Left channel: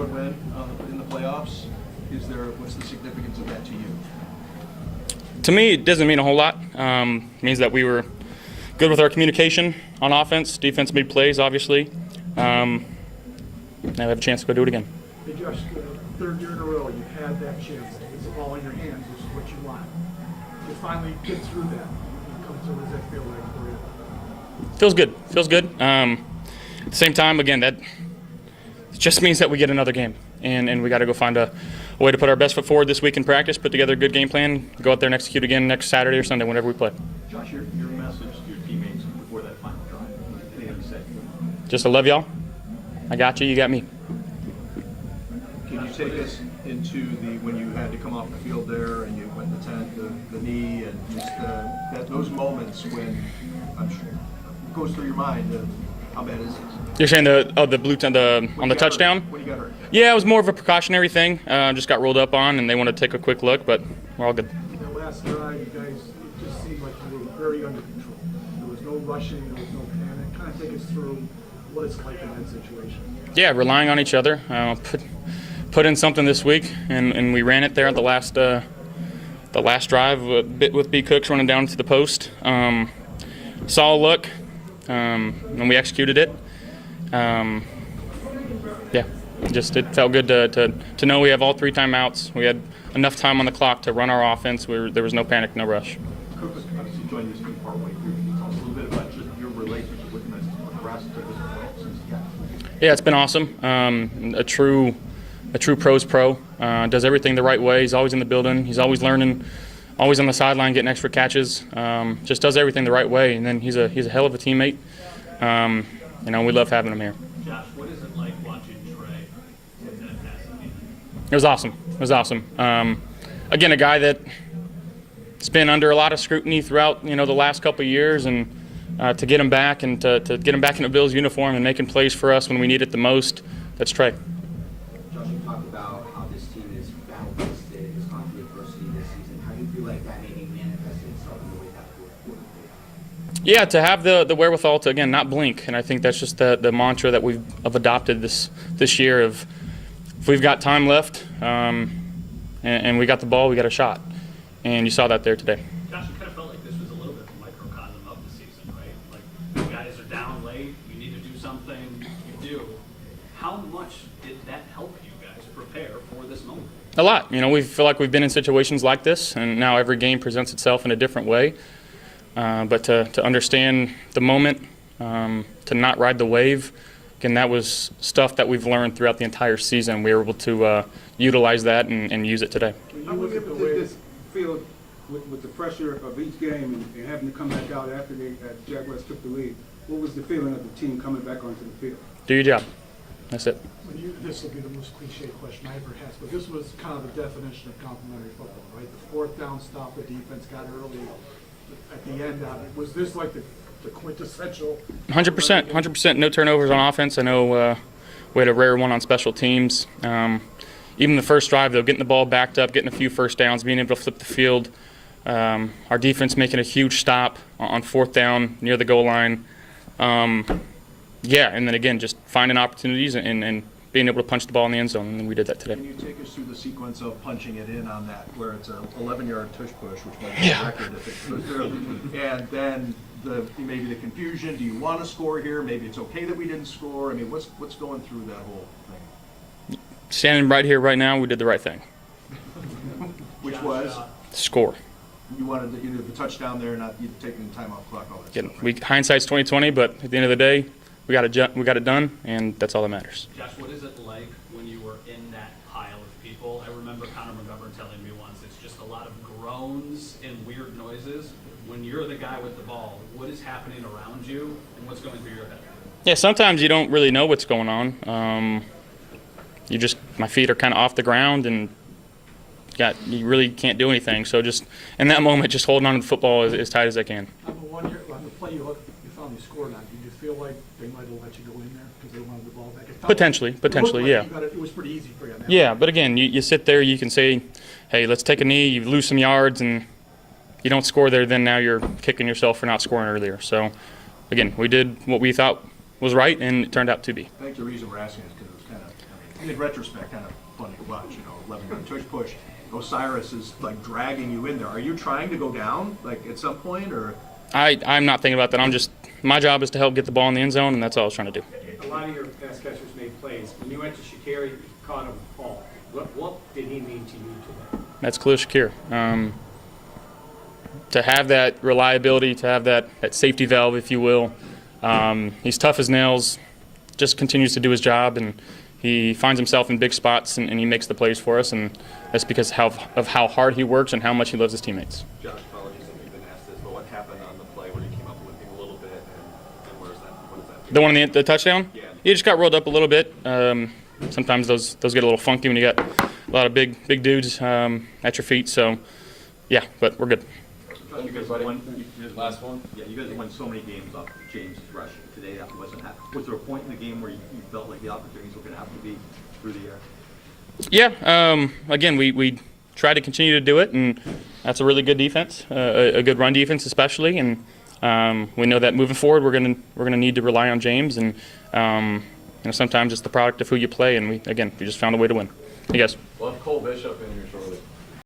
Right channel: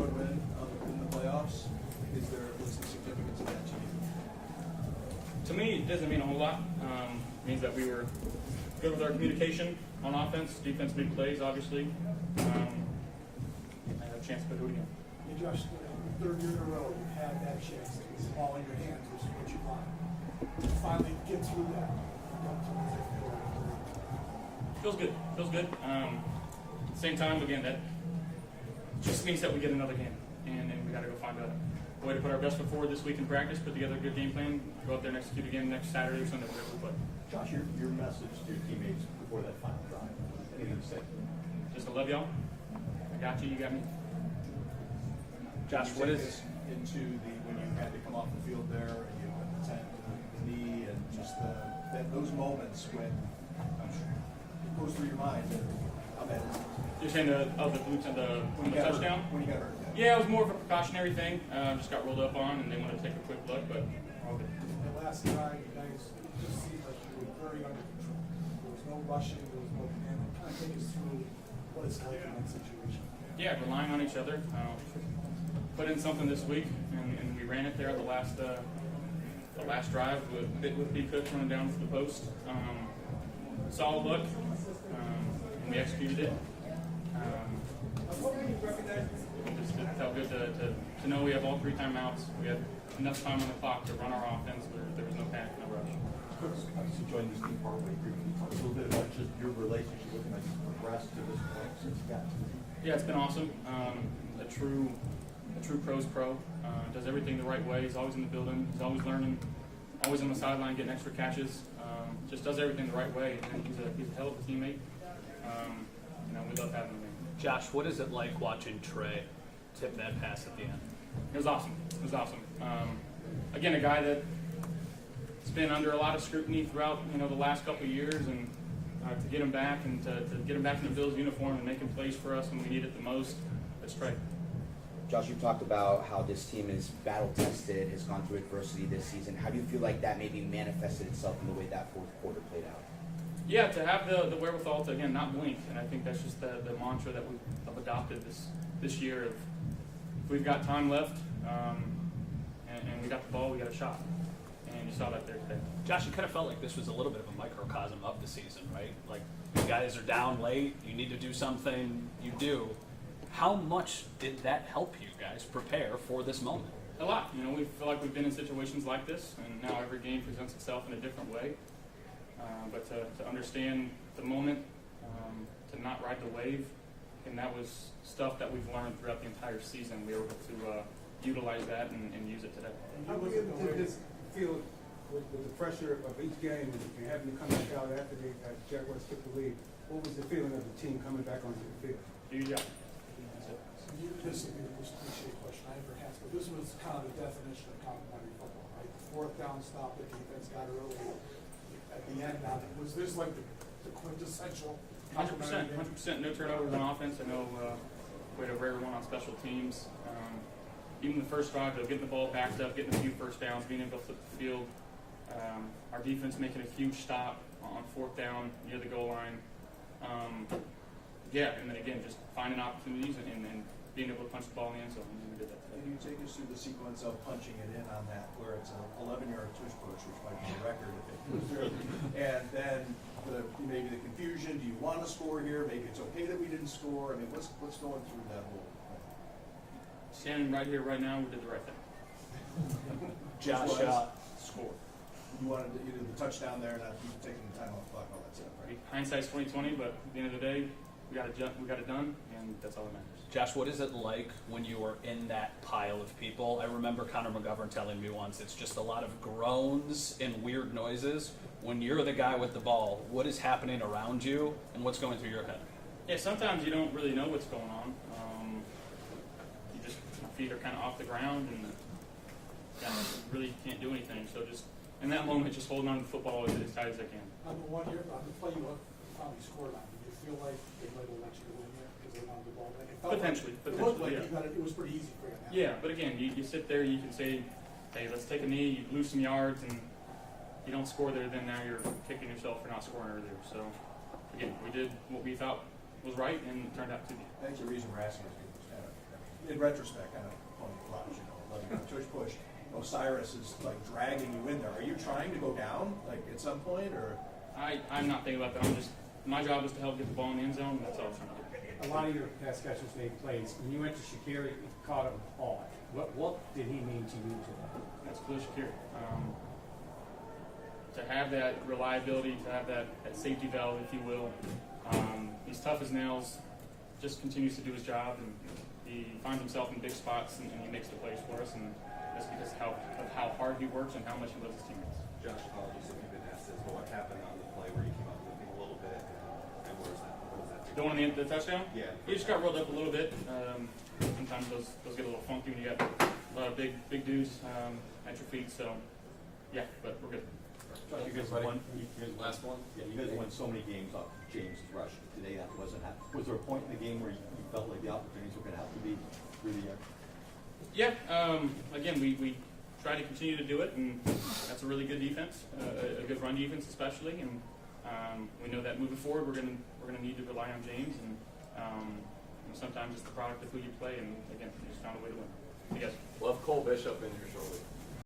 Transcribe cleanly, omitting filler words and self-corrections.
road win in the playoffs. What's the significance of that to you? To me, it doesn't mean a whole lot. It means that we were good with our communication on offense. Defense made plays, obviously. Now we have a chance to go do it again. Hey Josh, third year in a row, you had that chance. It's the ball in your hands, which is what you want. To finally get through that, what does that feel like for you? Feels good. Feels good. At the same time, again, that just means that we get another game, and we got to go find a way to put our best foot forward this week in practice, put together a good game plan, go out there and execute again next Saturday or Sunday, whenever we play. Josh, your message to your teammates before that final drive, what do you have to say? Just I love y'all. I got you. You got me. Can you take us into when you had to come off the field there and you went the knee and just those moments when I'm sure it goes through your mind how bad is this? You're saying the blue on the touchdown? When you got hurt? Yeah, it was more of a precautionary thing. Just got rolled up on, and they wanted to take a quick look, but we're all good. The last drive, you guys, it just seemed like you were very under control. There was no rushing, there was no panic. Kind of take us through what it's like in that situation. Yeah, relying on each other. Put in something this week, and we ran it there at the last drive, a bit with B. Cooks running down to the post. Saw a look, and we executed it. Yeah, it felt good to know we have all 3 timeouts. We had enough time on the clock to run our offense. There was no panic, no rush. Coach, obviously joined this team partway through. Can you tell us a little bit about just your relationship with the rest of this point since you got here? Yeah, it's been awesome. A true pros pro. Does everything the right way. He's always in the building. He's always learning. Always on the sideline getting extra catches. Just does everything the right way. And then he's a hell of a teammate. We love having him here. Josh, what is it like watching Trey take that pass at the end? It was awesome. It was awesome. Again, a guy that's been under a lot of scrutiny throughout the last couple of years, and to get him back and to get him back in a Bills uniform and making plays for us when we need it the most, that's Trey. Josh, you talked about how this team is battle-tested, has gone through adversity this season. How do you feel like that maybe manifested itself in the way that fourth quarter played out? Yeah, to have the wherewithal to, again, not blink. And I think that's just the mantra that we've adopted this year of if we've got time left and we got the ball, we got a shot. And you saw that there today. Josh, you kind of felt like this was a little bit of a microcosm of the season, right? Like, you guys are down late, you need to do something, you do. How much did that help you guys prepare for this moment? A lot. We feel like we've been in situations like this, and now every game presents itself in a different way. But to understand the moment, to not ride the wave, again, that was stuff that we've learned throughout the entire season. We were able to utilize that and use it today. How did this feel with the pressure of each game and having to come back out after the Jaguars took the lead? What was the feeling of the team coming back onto the field? Do your job. That's it. This will be the most cliche question I ever asked, but this was kind of the definition of complimentary football, right? The 4th down stop, the defense got early at the end of it. Was this like the quintessential? 100%. No turnovers on offense. I know we had a rare one on special teams. Even the first drive, though, getting the ball backed up, getting a few first downs, being able to flip the field. Our defense making a huge stop on 4th down near the goal line. Yeah, and then again, just finding opportunities and being able to punch the ball in the end zone, and we did that today. Can you take us through the sequence of punching it in on that, where it's an 11-yard tush push, which might be a record if it goes through, and then maybe the confusion? Do you want to score here? Maybe it's okay that we didn't score. I mean, what's going through that whole thing? Standing right here, right now, we did the right thing. Which was score. You wanted the touchdown there, not you taking the time off clock. All that stuff. Hindsight's 20/20, but at the end of the day, we got it done, and that's all that matters. Josh, what is it like when you were in that pile of people? I remember Connor McGovern telling me once, it's just a lot of groans and weird noises. When you're the guy with the ball, what is happening around you, and what's going through your head? Yeah, sometimes you don't really know what's going on. My feet are kind of off the ground, and you really can't do anything. So just in that moment, just holding on to the football as tight as I can. On the play you found you scored on, did you feel like they might have let you go in there because they wanted the ball back? Potentially, yeah. It was pretty easy for you on that. Yeah, but again, you sit there, you can say, hey, let's take a knee, you lose some yards, and you don't score there, then now you're kicking yourself for not scoring earlier. So, again, we did what we thought was right, and it turned out to be. I think the reason we're asking is because it was kind of in retrospect, kind of funny to watch, 11-yard tush push. Osiris is like dragging you in there. Are you trying to go down, like at some point, or? I'm not thinking about that. My job is to help get the ball in the end zone, and that's all I was trying to do. A lot of your pass catchers make plays. When you went to Shaqiri, caught a ball. What did he mean to you today? That's Khalil Shakir. To have that reliability, to have that safety valve, if you will. He's tough as nails, just continues to do his job, and he finds himself in big spots, and he makes the plays for us, and that's because of how hard he works and how much he loves his teammates. Josh, apologies if you've been asked this, but what happened on the play where you came up limping a little bit, and where's that? What is that? The one in the touchdown? Yeah. He just got rolled up a little bit. Sometimes those get a little funky when you got a lot of big dudes at your feet. So, yeah, but we're good. You guys won. Last one? Yeah, you guys won so many games off James rushing. Today that wasn't happening. Was there a point in the game where you felt like the opportunities were going to have to be through the air? Yeah. Again, we try to continue to do it, and that's a really good defense, a good run defense especially, and we know that moving forward we're gonna need to rely on James, and sometimes it's the product of who you play, and we just found a way to win. Hey guys. We'll have Cole Bishop in here shortly.